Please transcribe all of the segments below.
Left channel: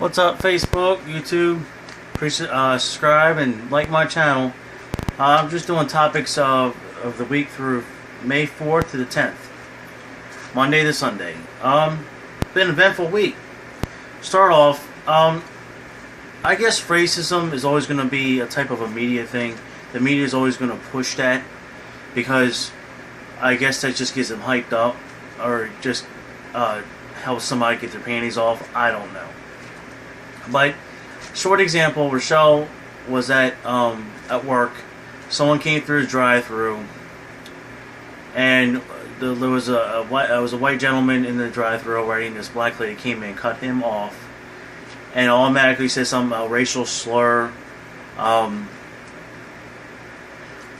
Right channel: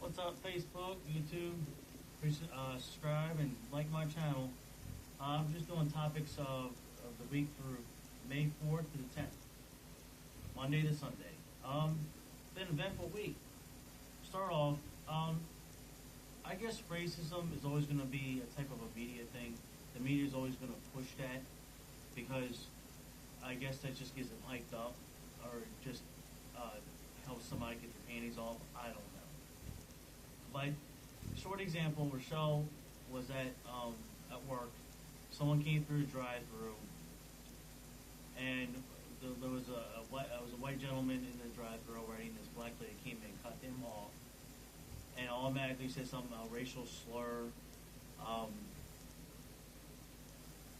What's up, Facebook, YouTube? Please subscribe and like my channel. I'm just doing topics of the week through May 4th to the 10th, Monday to Sunday. Been an eventful week. Start off, I guess racism is always going to be a type of a media thing. The media is always going to push that because I guess that just gets them hyped up or just helps somebody get their panties off. I don't know. But short example, Rochelle was at work. Someone came through his drive-through, and there was a white gentleman in the drive-through already, and this black lady came in and cut him off, and automatically said some racial slur.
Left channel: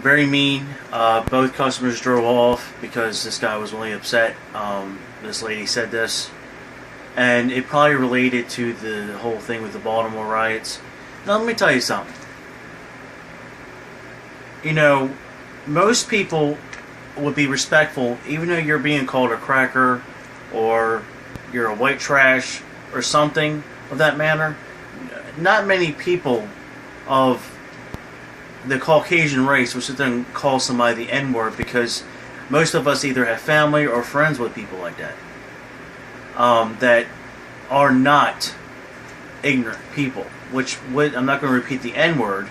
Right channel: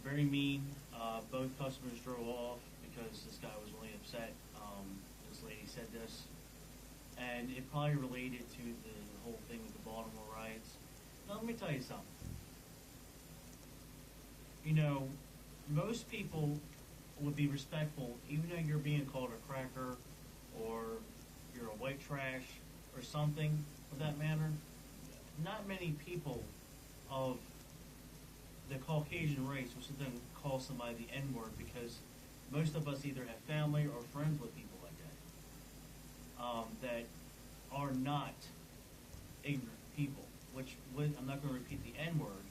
Very mean. Both customers drove off because this guy was really upset. This lady said this. And it probably related to the whole thing with the Baltimore riots. Now, let me tell you something. You know, most people would be respectful, even though you're being called a cracker or you're a white trash or something of that manner. Not many people of the Caucasian race would sit there and call somebody the N-word because most of us either have family or friends with people like that. That are not ignorant people. I'm not going to repeat the N-word,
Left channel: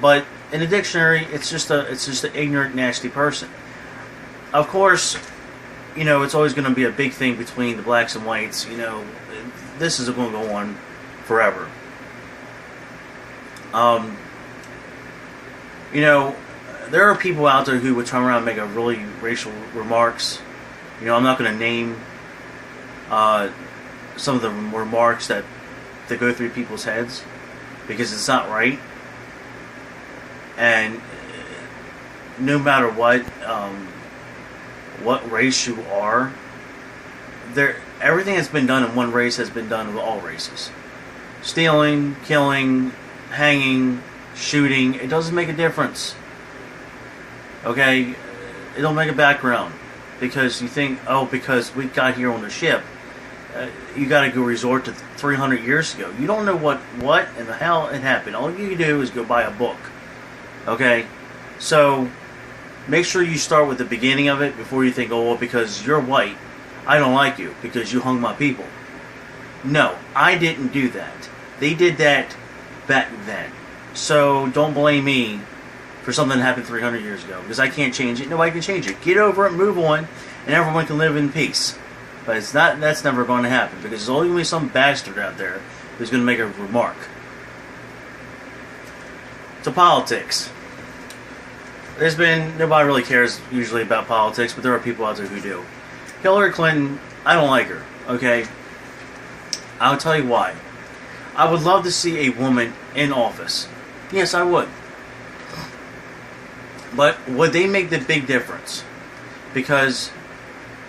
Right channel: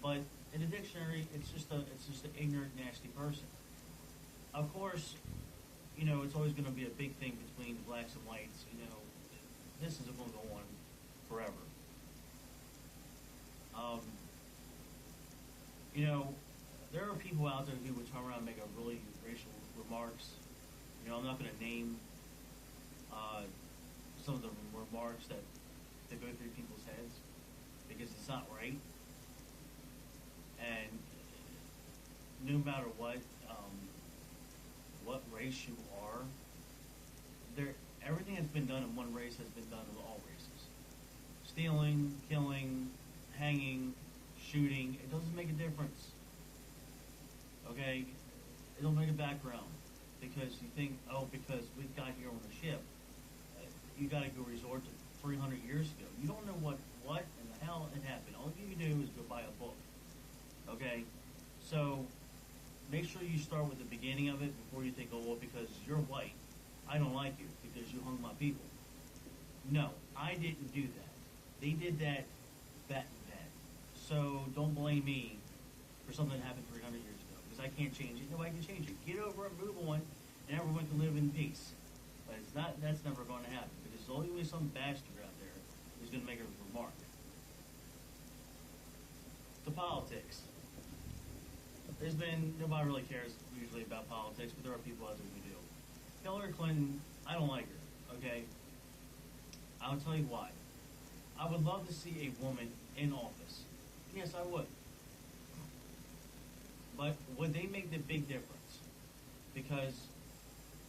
but in the dictionary, it's just an ignorant, nasty person. Of course, you know it's always going to be a big thing between the blacks and whites. You know, this is going to go on forever. You know, there are people out there who would turn around and make a really racial remarks. You know, I'm not going to name some of the remarks that go through people's heads because it's not right. And no matter what race you are, everything that's been done in one race has been done with all races. Stealing, killing, hanging, shooting, it doesn't make a difference. Okay? It don't make a background. Because you think, oh, because we got here on the ship, you got to go resort to 300 years ago. You don't know what in the hell it happened. All you do is go buy a book. Okay? So, make sure you start with the beginning of it before you think, oh, well, because you're white, I don't like you because you hung my people. No, I didn't do that. They did that back then. So, don't blame me for something that happened 300 years ago because I can't change it. Nobody can change it. Get over it, move on, and everyone can live in peace. But it's not. That's never going to happen because there's only going to be some bastard out there who's going to make a remark. To politics. Nobody really cares usually about politics, but there are people out there who do. Hillary Clinton, I don't like her, okay? I'll tell you why. I would love to see a woman in office. Yes, I would. But would they make the big difference? Because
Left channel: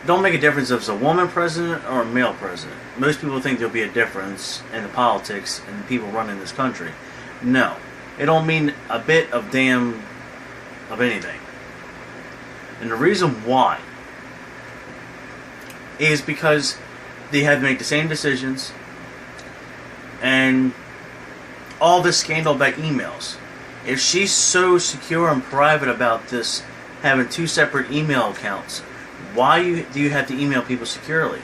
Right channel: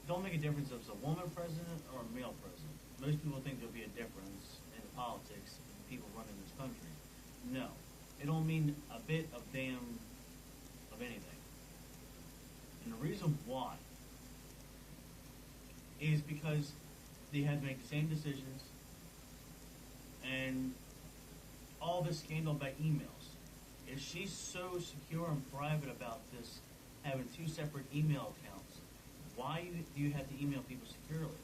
it don't make a difference if it's a woman president or a male president. Most people think there'll be a difference in the politics and the people running this country. No. It don't mean a bit of damn of anything. And the reason why is because they have to make the same decisions and all this scandal about emails. If she's so secure and private about this, having two separate email accounts, why do you have to email people securely?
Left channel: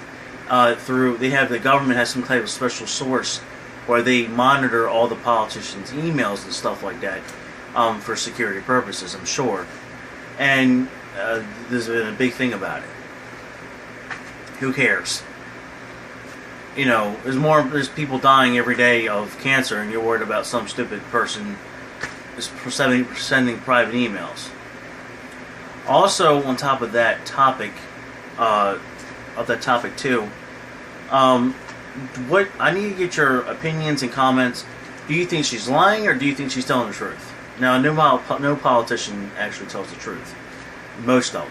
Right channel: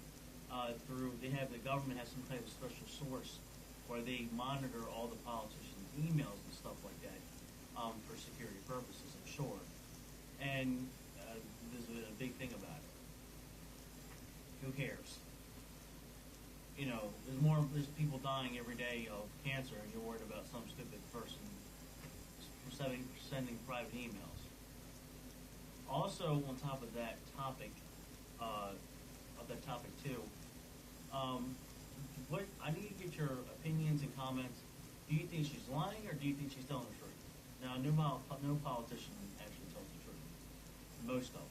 The government has some type of special source where they monitor all the politicians' emails and stuff like that for security purposes, I'm sure. And there's been a big thing about it. Who cares? You know, there's people dying every day of cancer, and you're worried about some stupid person sending private emails. Also, on top of that topic, too, what I need to get your opinions and comments. Do you think she's lying, or do you think she's telling the truth? Now, no politician actually tells the truth. Most don't,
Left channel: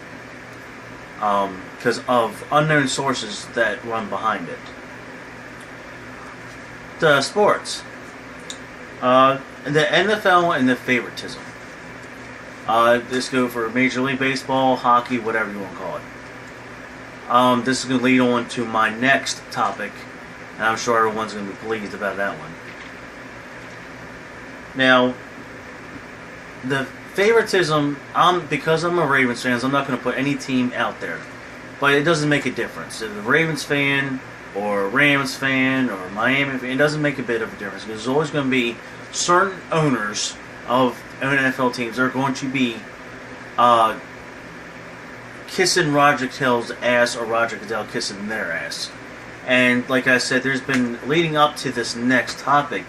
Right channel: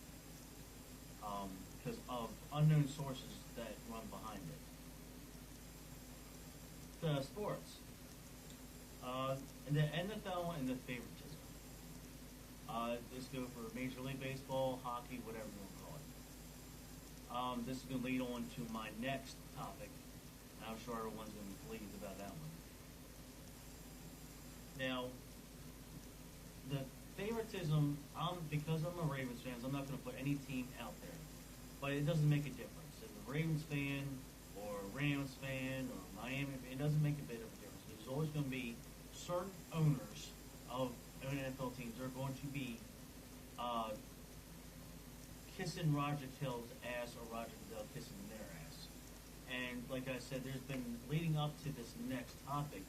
because of unknown sources that run behind it. The sports. The NFL and the favoritism. This go for Major League Baseball, hockey, whatever you want to call it. This is going to lead on to my next topic, And I'm sure everyone's going to be pleased about that one. Now, the favoritism, because I'm a Ravens fan, I'm not going to put any team out there. But it doesn't make a difference. If a Ravens fan, or a Rams fan, or Miami fan, it doesn't make a bit of a difference. Because there's always going to be certain owners of NFL teams that are going to be kissing Roger Goodell's ass, or Roger Goodell kissing their ass. And like I said, there's been, leading up to this next topic,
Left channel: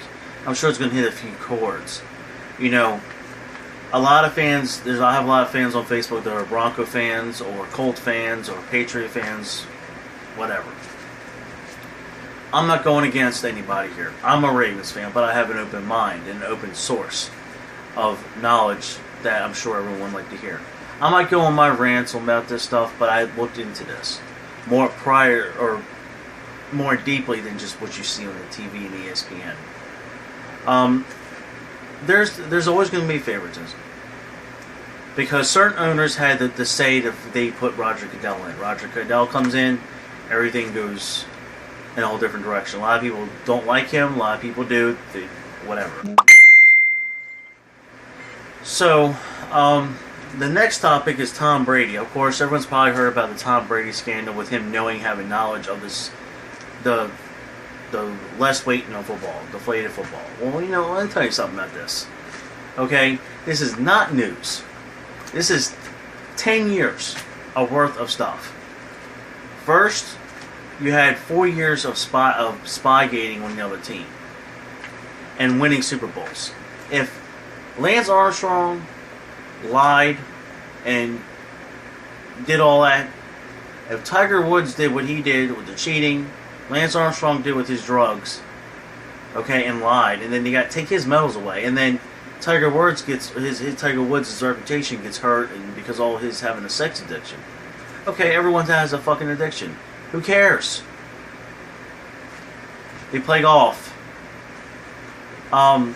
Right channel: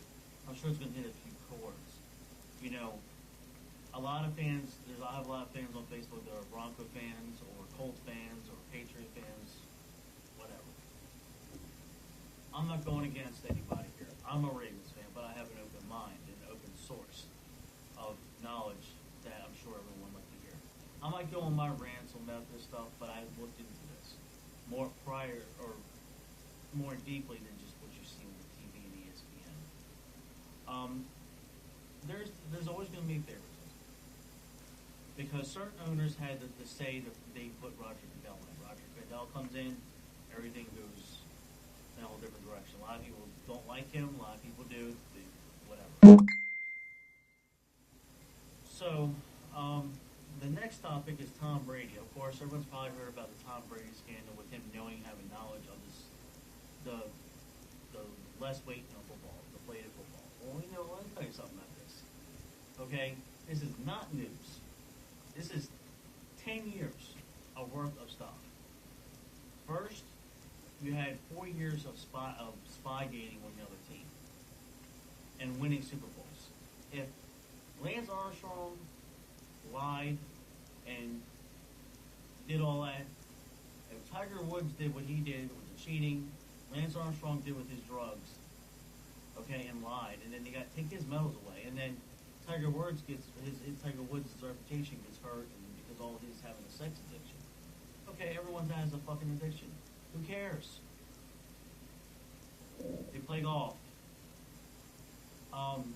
I'm sure it's going to hit a few chords. You know, a lot of fans, I have a lot of fans on Facebook that are Bronco fans, or Colt fans, or Patriot fans, whatever. I'm not going against anybody here. I'm a Ravens fan, but I have an open mind and an open source of knowledge that I'm sure everyone would like to hear. I might go on my rants about this stuff, but I looked into this more prior, or more deeply than just what you see on the TV and ESPN. There's always going to be favoritism, because certain owners had the say that they put Roger Goodell in. Roger Goodell comes in, everything goes in a whole different direction. A lot of people don't like him. A lot of people do. Whatever. So, the next topic is Tom Brady. Of course, everyone's probably heard about the Tom Brady scandal with him having knowledge of the less weight in football, deflated football. Well, you know, let me tell you something about this. Okay? This is not news. This is 10 years of worth of stuff. First, you had 4 years of spygating on the other team and winning Super Bowls. If Lance Armstrong lied and did all that, if Tiger Woods did what he did with the cheating, Lance Armstrong did with his drugs, okay, and lied, and then they got to take his medals away, and then Tiger Woods Tiger Woods' reputation gets hurt, and because all his having a sex addiction. Okay, everyone has a fucking addiction. Who cares? They play golf. Tom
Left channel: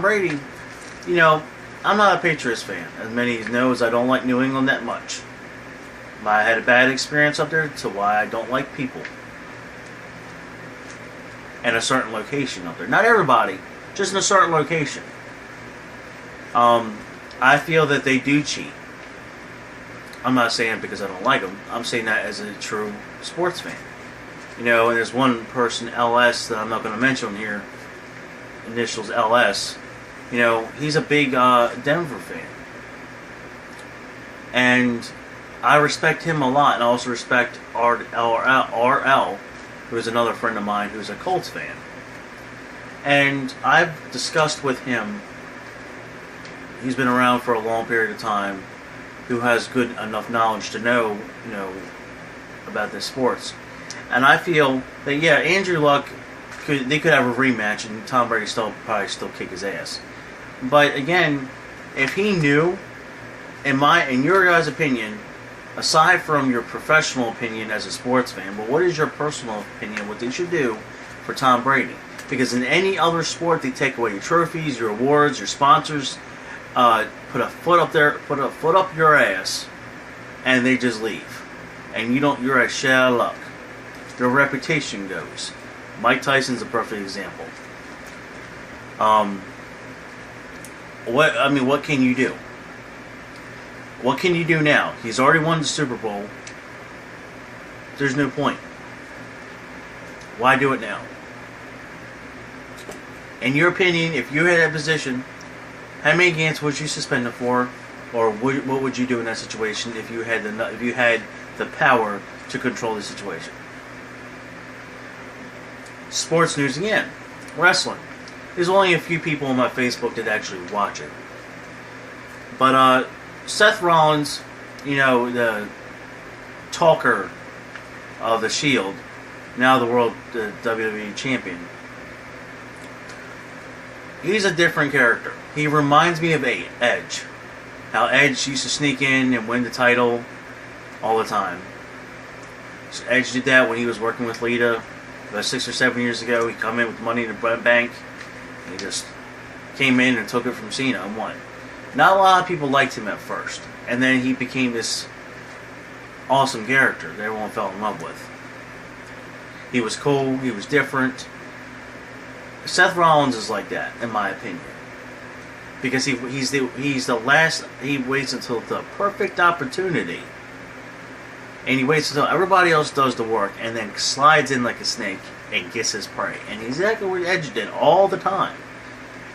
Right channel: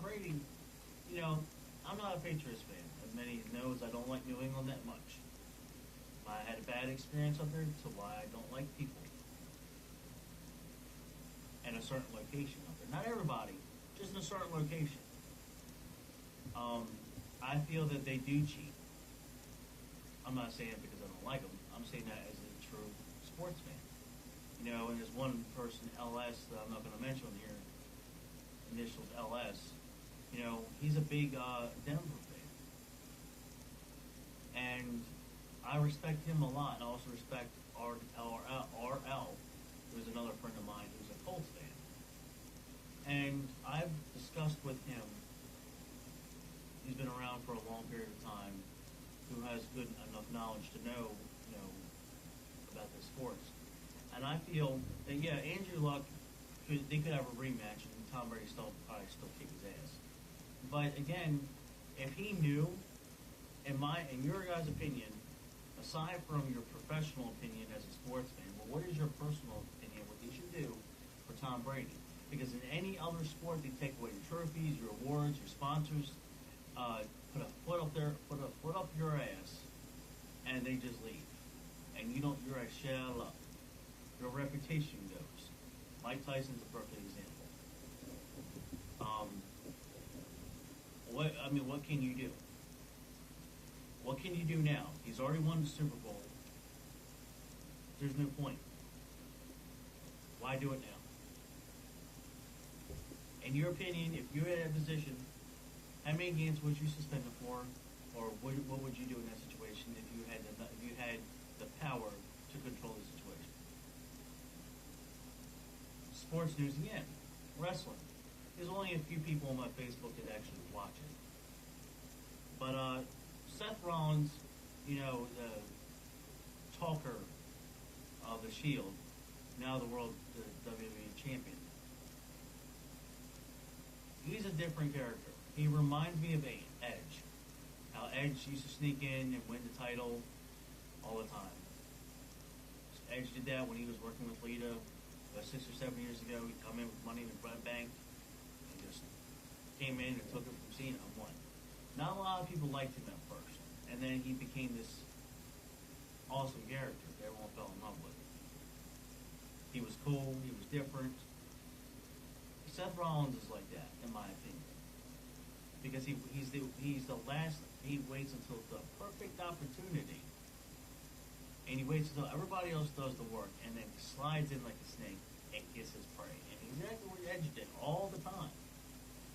Brady, you know, I'm not a Patriots fan. As many knows, I don't like New England that much. I had a bad experience up there, to why I don't like people. And a certain location up there. Not everybody, just in a certain location. I feel that they do cheat. I'm not saying it because I don't like them. I'm saying that as a true sports fan. You know, and there's one person, LS, that I'm not going to mention here. Initials LS. You know, he's a big Denver fan. And I respect him a lot, and I also respect RL, who is another friend of mine who's a Colts fan. And I've discussed with him, he's been around for a long period of time, who has good enough knowledge to know, you know, about this sports. And I feel that, yeah, Andrew Luck, they could have a rematch, and Tom Brady probably still kick his ass. But again, if he knew, in your guys' opinion, aside from your professional opinion as a sports fan, but what is your personal opinion what they should do for Tom Brady? Because in any other sport, they take away your trophies, your awards, your sponsors, put a foot up your ass, and they just leave. And you're a shell of luck. Your reputation goes. Mike Tyson's a perfect example. What can you do? What can you do now? He's already won the Super Bowl. There's no point. Why do it now? In your opinion, if you had that position, how many games would you suspend him for, or what would you do in that situation if you had the power to control the situation? Sports news again. Wrestling. There's only a few people on my Facebook that actually watch it. But Seth Rollins, you know, the talker of the Shield, now the WWE champion. He's a different character. He reminds me of Edge. How Edge used to sneak in and win the title all the time. So Edge did that when he was working with Lita about 6 or 7 years ago. He come in with money in the bank. He just came in and took it from Cena and won. Not a lot of people liked him at first. And then he became this awesome character that everyone fell in love with. He was cool. He was different. Seth Rollins is like that, in my opinion, because he's the last. He waits until the perfect opportunity, and he waits until everybody else does the work, and then slides in like a snake and gets his prey. And he's exactly what Edge did all the time.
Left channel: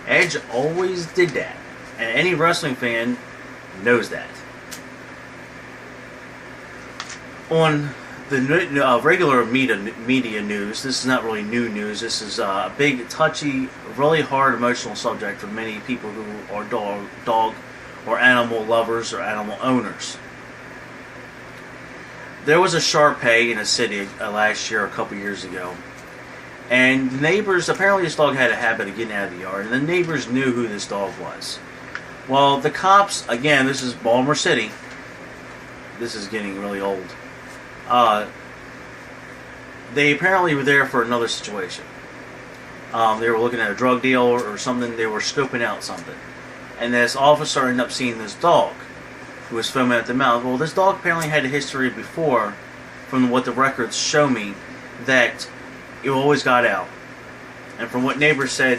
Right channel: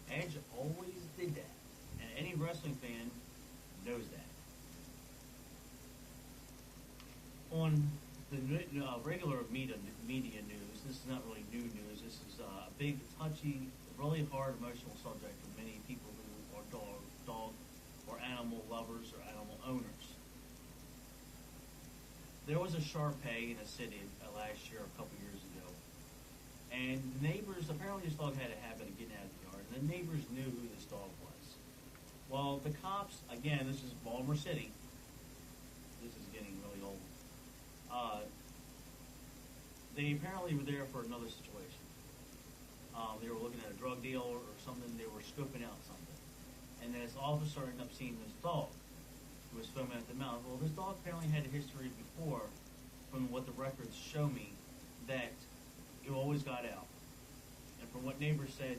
Edge always did that, and any wrestling fan knows that. On the regular media news, this is not really new news. This is a big, touchy, really hard emotional subject for many people who are dog or animal lovers or animal owners. There was a Shar-Pei in a city last year, a couple years ago, and the neighbors, apparently this dog had a habit of getting out of the yard, and the neighbors knew who this dog was. Well, the cops, again, this is Baltimore City. This is getting really old. They apparently were there for another situation. They were looking at a drug deal or something. They were scoping out something. And this officer ended up seeing this dog who was filming at the mouth. Well, this dog apparently had a history before, from what the records show me, that it always got out. And from what neighbors said,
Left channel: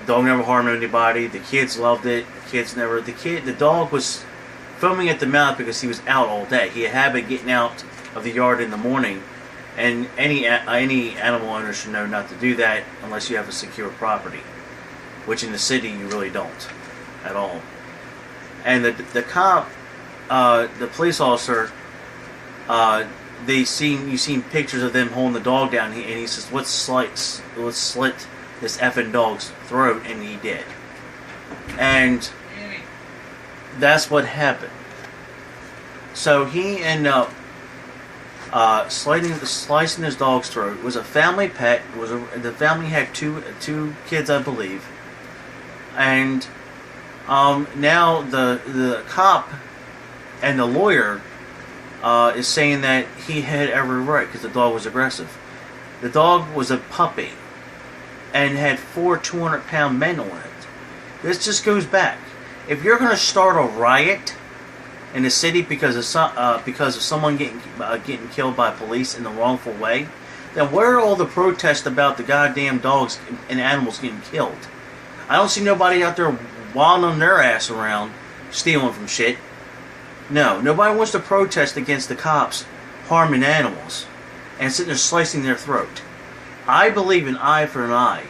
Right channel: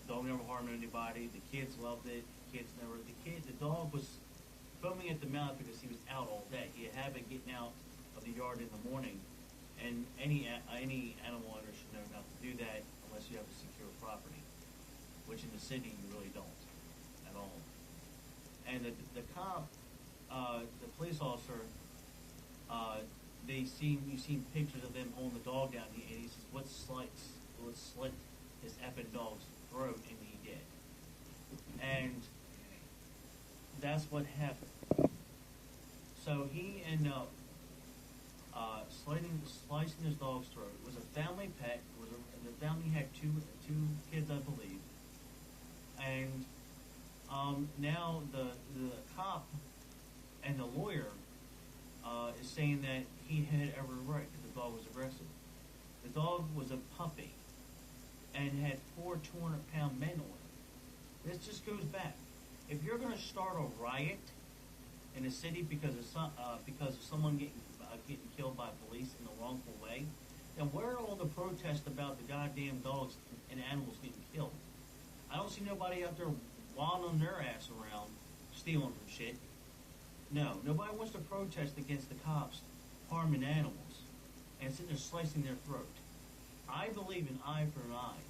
the dog never harmed anybody. The kids loved it. The dog was filming at the mouth because he was out all day. He had a habit of getting out of the yard in the morning, and any animal owner should know not to do that unless you have a secure property, which in the city you really don't at all. And the cop, the police officer, you seen pictures of them holding the dog down, and he says, let's slit this effing dog's throat, and he did. And that's what happened. So he ended up slicing his dog's throat. It was a family pet. The family had two kids, I believe. And now the cop and the lawyer is saying that he had every right because the dog was aggressive. The dog was a puppy and had 4 200-pound men on it. This just goes back. If you're going to start a riot in the city because of someone getting killed by police in the wrongful way, then where are all the protests about the goddamn dogs and animals getting killed? I don't see nobody out there wandering their ass around stealing from shit. No, nobody wants to protest against the cops harming animals and sitting there slicing their throat. I believe in eye for an eye.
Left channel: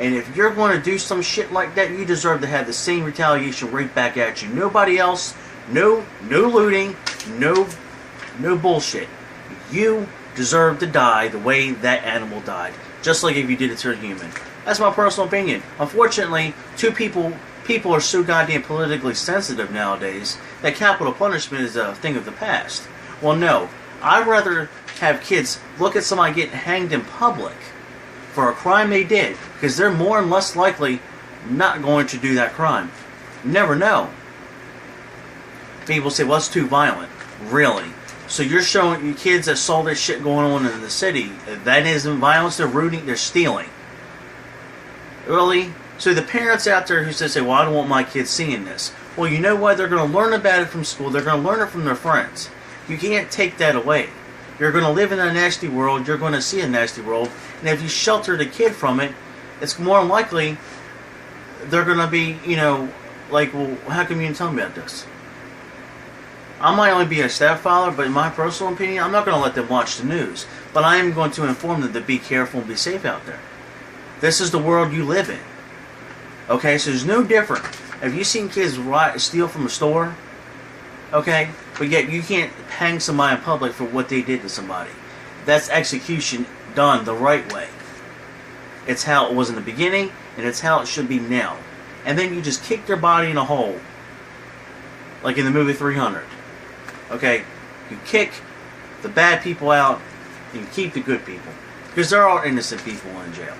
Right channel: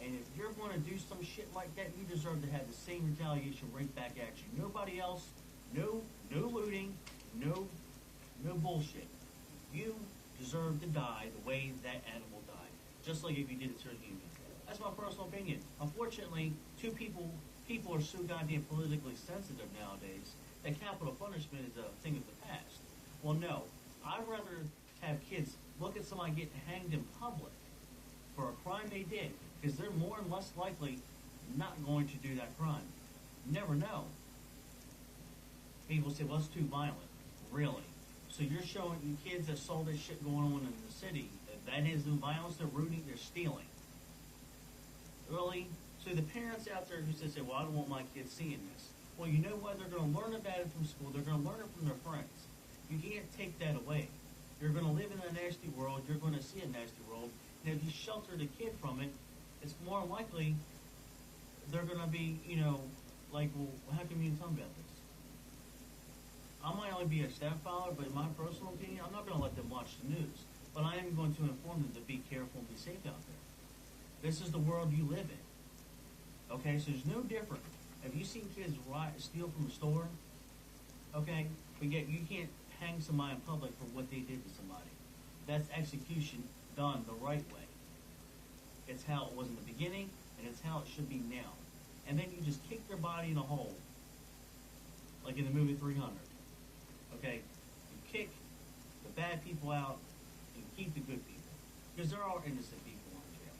And if you're going to do some shit like that, you deserve to have the same retaliation right back at you. Nobody else, no looting, no bullshit. You deserve to die the way that animal died. Just like if you did it to a human. That's my personal opinion. Unfortunately, people are so goddamn politically sensitive nowadays that capital punishment is a thing of the past. Well, no. I'd rather have kids look at somebody getting hanged in public for a crime they did, because they're more and less likely not going to do that crime. You never know. People say, well, it's too violent. Really? So you're showing you kids that saw this shit going on in the city, that isn't violence, they're rooting, they're stealing. Really? So the parents out there who say, well, I don't want my kids seeing this. Well, you know what? They're going to learn about it from school. They're going to learn it from their friends. You can't take that away. You're going to live in a nasty world. You're going to see a nasty world. And if you shelter the kid from it, it's more likely they're going to be, like, well, how come you didn't tell me about this? I might only be a stepfather, but in my personal opinion, I'm not going to let them watch the news. But I am going to inform them to be careful and be safe out there. This is the world you live in. Okay, so there's no different. Have you seen kids steal from a store? Okay, but yet you can't hang somebody in public for what they did to somebody. That's execution done the right way. It's how it was in the beginning, and it's how it should be now. And then you just kick their body in a hole, like in the movie 300. Okay, you kick the bad people out, and you keep the good people, because there are innocent people in jail.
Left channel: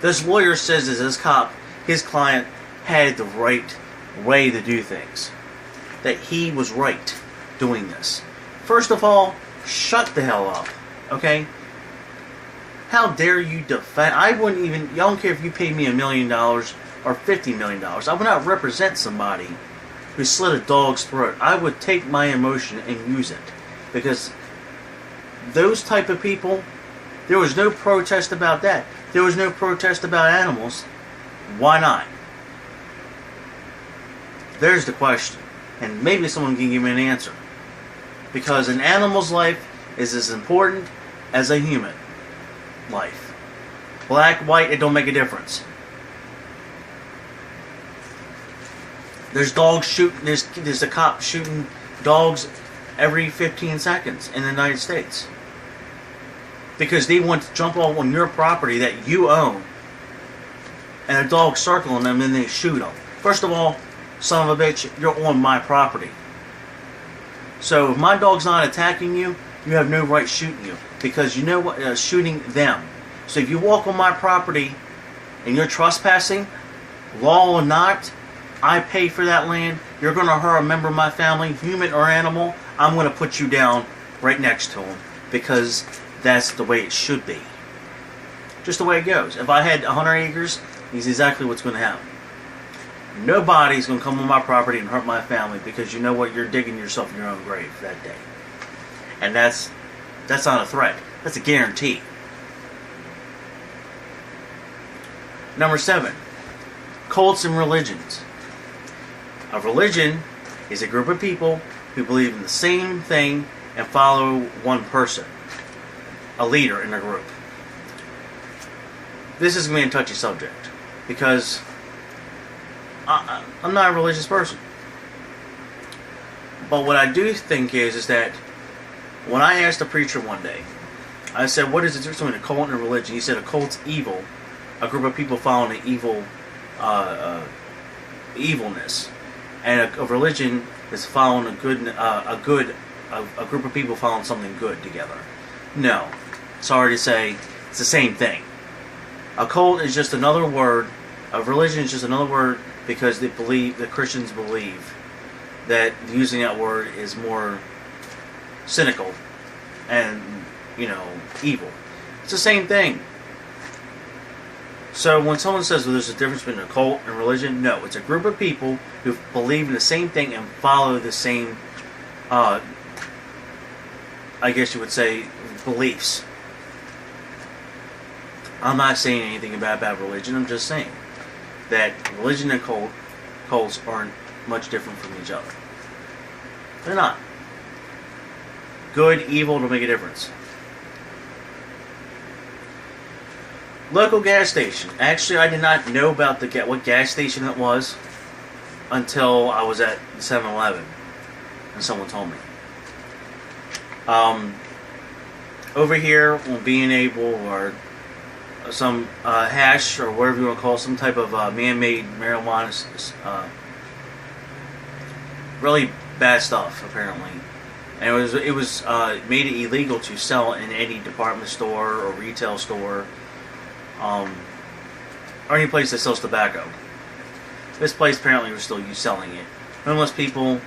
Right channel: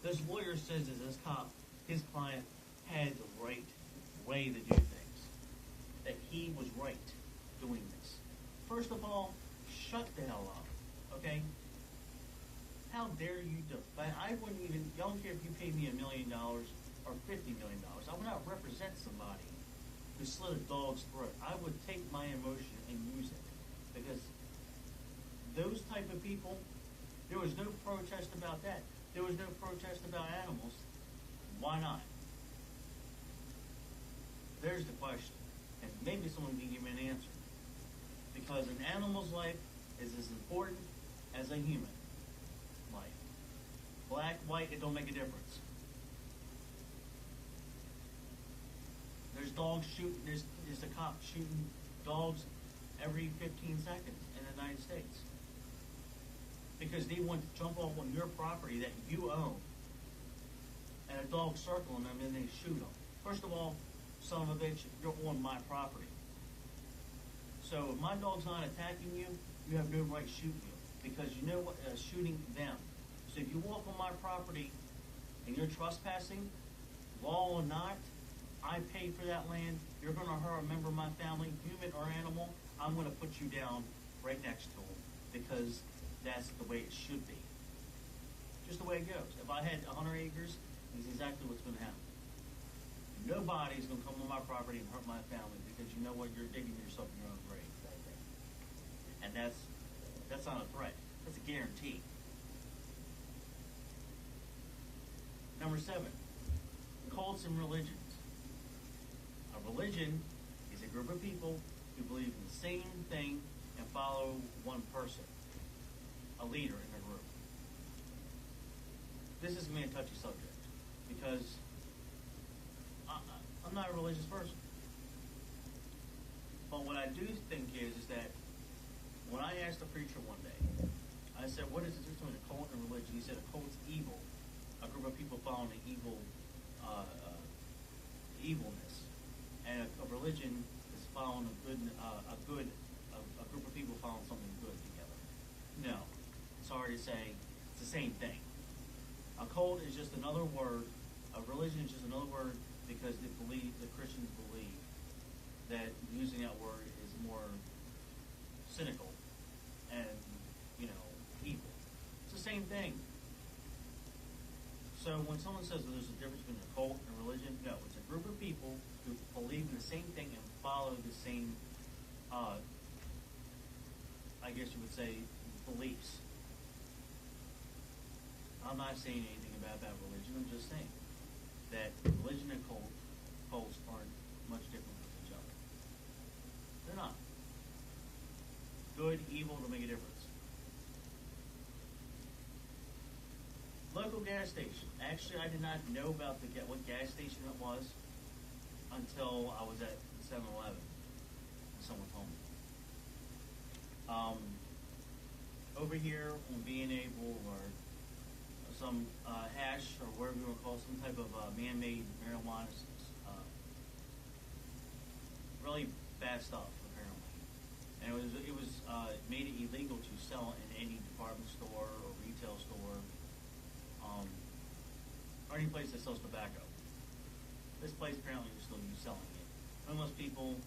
This lawyer says that his client had the right way to do things. That he was right doing this. First of all, shut the hell up. Okay? How dare you defend? I don't care if you paid me $1 million or $50 million. I would not represent somebody who slit a dog's throat. I would take my emotion and use it. Because those type of people, there was no protest about that. There was no protest about animals. Why not? There's the question. And maybe someone can give me an answer. Because an animal's life is as important as a human life. Black, white, it don't make a difference. There's dogs shooting, there's a cop shooting dogs every 15 seconds in the United States. Because they want to jump on your property that you own, and a dog circling them, and they shoot them. First of all, son of a bitch, you're on my property. So if my dog's not attacking you, you have no right shooting you. Because you know what? Shooting them. So if you walk on my property and you're trespassing, law or not, I pay for that land. You're going to hurt a member of my family, human or animal. I'm going to put you down right next to him. Because that's the way it should be. Just the way it goes. If I had 100 acres, it's exactly what's going to happen. Nobody's going to come on my property and hurt my family, because you know what? You're digging yourself in your own grave that day. And that's not a threat. That's a guarantee. Number 7. Cults and religions. A religion is a group of people who believe in the same thing and follow one person. A leader in a group. This is going to be a touchy subject, because I'm not a religious person. But what I do think is that when I asked a preacher one day, I said, what is the difference between a cult and a religion? He said a cult's evil, a group of people following an evil evilness, and a religion is following a group of people following something good together. No, sorry to say, it's the same thing. A cult is just another word. A religion is just another word because the Christians believe that using that word is more cynical and, evil. It's the same thing. So when someone says, well, there's a difference between a cult and religion, no, it's a group of people who believe in the same thing and follow the same, I guess you would say, beliefs. I'm not saying anything about religion. I'm just saying that religion and cults aren't much different from each other. They're not. Good, evil, don't make a difference. Local gas station. Actually, I did not know about what gas station it was until I was at 7-Eleven and someone told me. Over here, on being able, or some hash, or whatever you want to call it, some type of man-made marijuana, really bad stuff apparently, and it was made it illegal to sell in any department store or retail store, or any place that sells tobacco. This place apparently was still selling it. Homeless people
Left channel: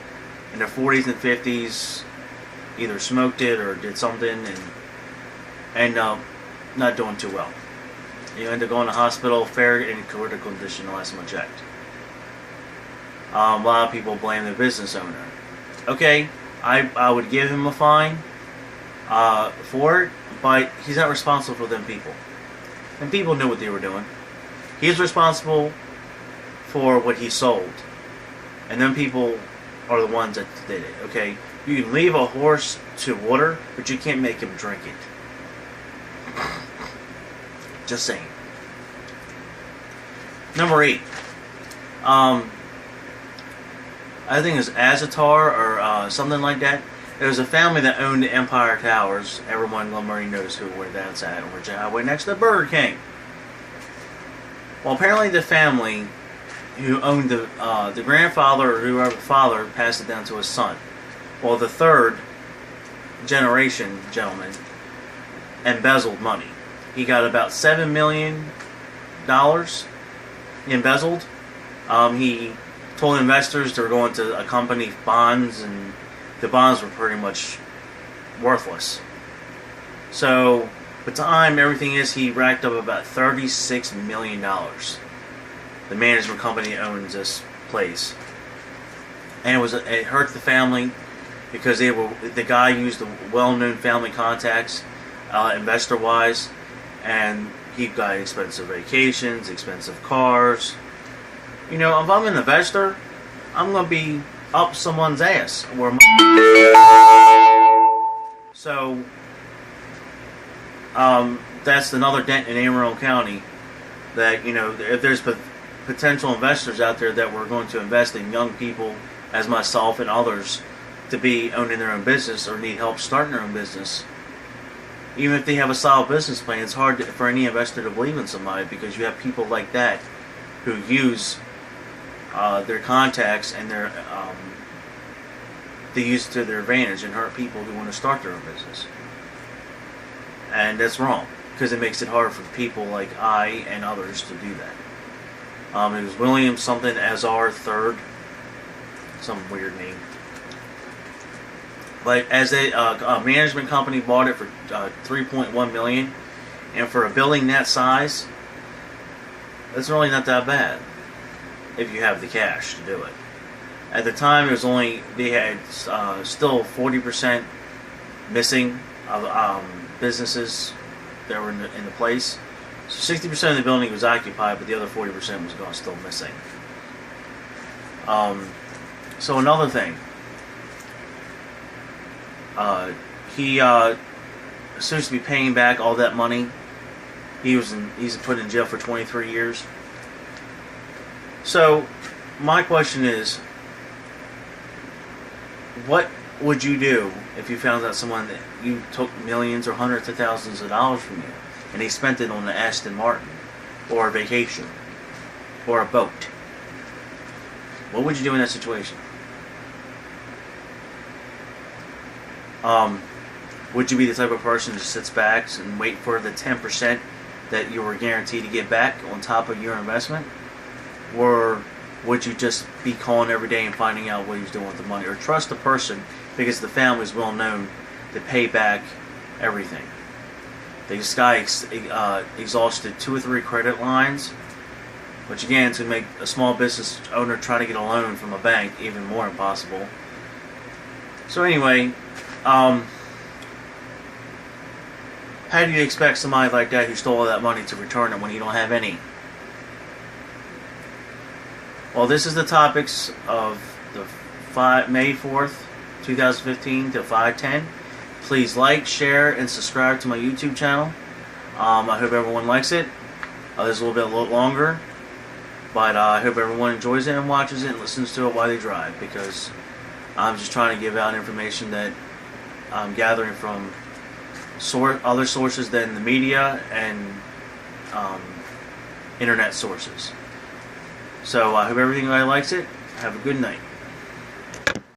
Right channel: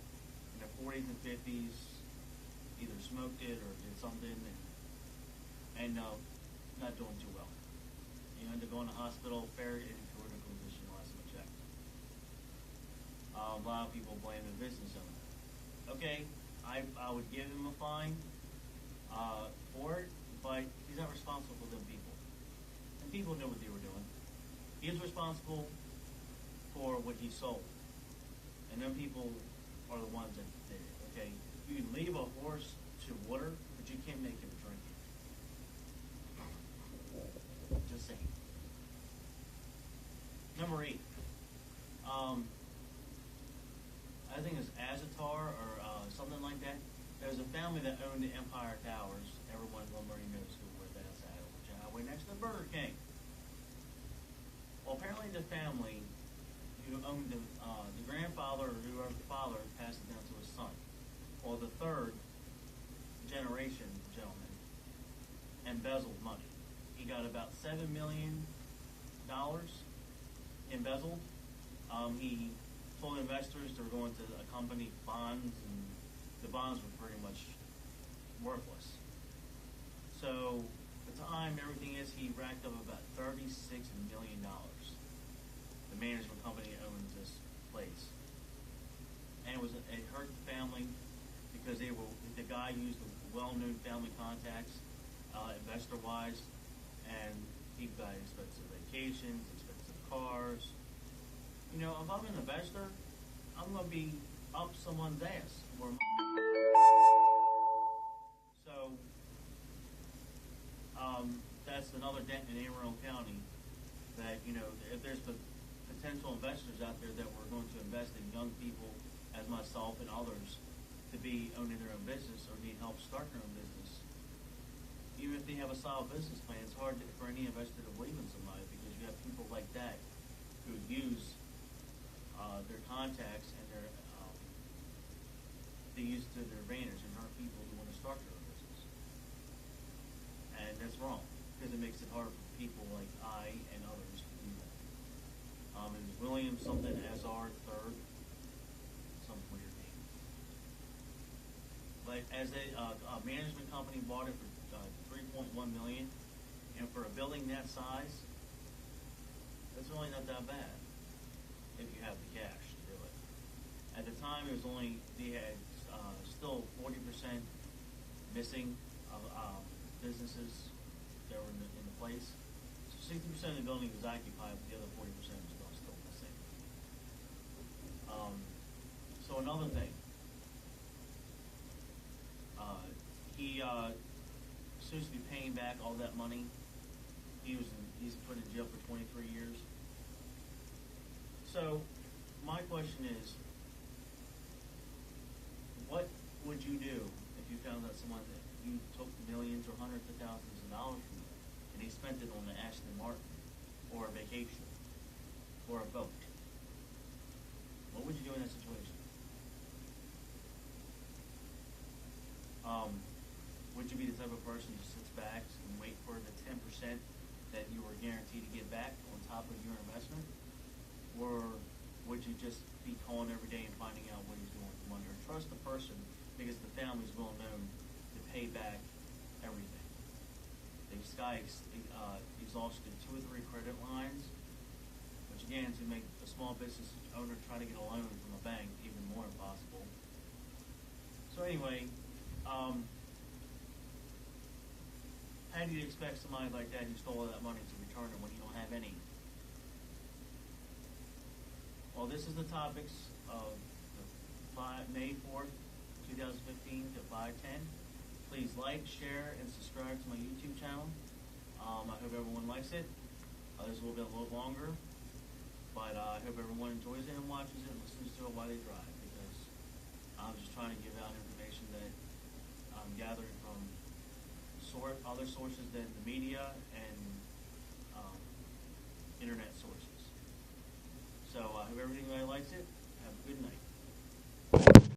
in their 40s and 50s either smoked it or did something and not doing too well. You end up going to hospital, fair in critical condition the last time I checked. A lot of people blame the business owner. Okay, I would give him a fine for it, but he's not responsible for them people. And people knew what they were doing. He's responsible for what he sold. And them people are the ones that did it, okay? You can leave a horse to water, but you can't make him drink it. Just saying. Number 8. I think it was Azatar or something like that. There was a family that owned the Empire Towers. Everyone in Glen knows where that's at, on Virginia Highway, next to Burger King. Well, apparently the family who owned the grandfather or whoever father passed it down to his son. Well, the third generation gentleman embezzled money. He got about $7 million embezzled. He told investors they were going to accompany bonds, and the bonds were pretty much worthless. So, by the time everything is, he racked up about $36 million. The management company owns this place. And it hurt the family because the guy used the well-known family contacts, investor-wise, and he got expensive vacations, expensive cars. You know, if I'm an investor, I'm going to be up someone's ass. So, that's another dent in Anne Arundel County. That, you know, if there's potential investors out there that were going to invest in young people, as myself and others, to be owning their own business or need help starting their own business, even if they have a solid business plan, it's hard for any investor to believe in somebody, because you have people like that who use their contacts and they use it to their advantage and hurt people who want to start their own business. And that's wrong, because it makes it hard for people like I and others to do that. It was William something Azar III, some weird name. But as a management company bought it for $3.1 million, and for a building that size, it's really not that bad if you have the cash to do it. At the time, they had still 40% missing of businesses that were in the place. So 60% of the building was occupied, but the other 40% was gone, still missing. So another thing, he seems to be paying back all that money. He's put in jail for 23 years. So my question is, what would you do if you found out someone that you took millions or hundreds of thousands of dollars from you, and he spent it on the Aston Martin, or a vacation, or a boat? What would you do in that situation? Would you be the type of person who sits back and wait for the 10% that you were guaranteed to get back on top of your investment? Or would you just be calling every day and finding out what he's doing with the money? Or trust the person, because the family is well known to pay back everything. This guy exhausted 2 or 3 credit lines, which again, to make a small business owner try to get a loan from a bank even more impossible. So anyway, how do you expect somebody like that who stole all that money to return it when you don't have any? Well, this is the topics of the May 4th, 2015 to 5/10. Please like, share, and subscribe to my YouTube channel. I hope everyone likes it. This is a little bit longer, but I hope everyone enjoys it and watches it and listens to it while they drive, because I'm just trying to give out information that I'm gathering from other sources than the media and internet sources. So I hope everybody likes it. Have a good night.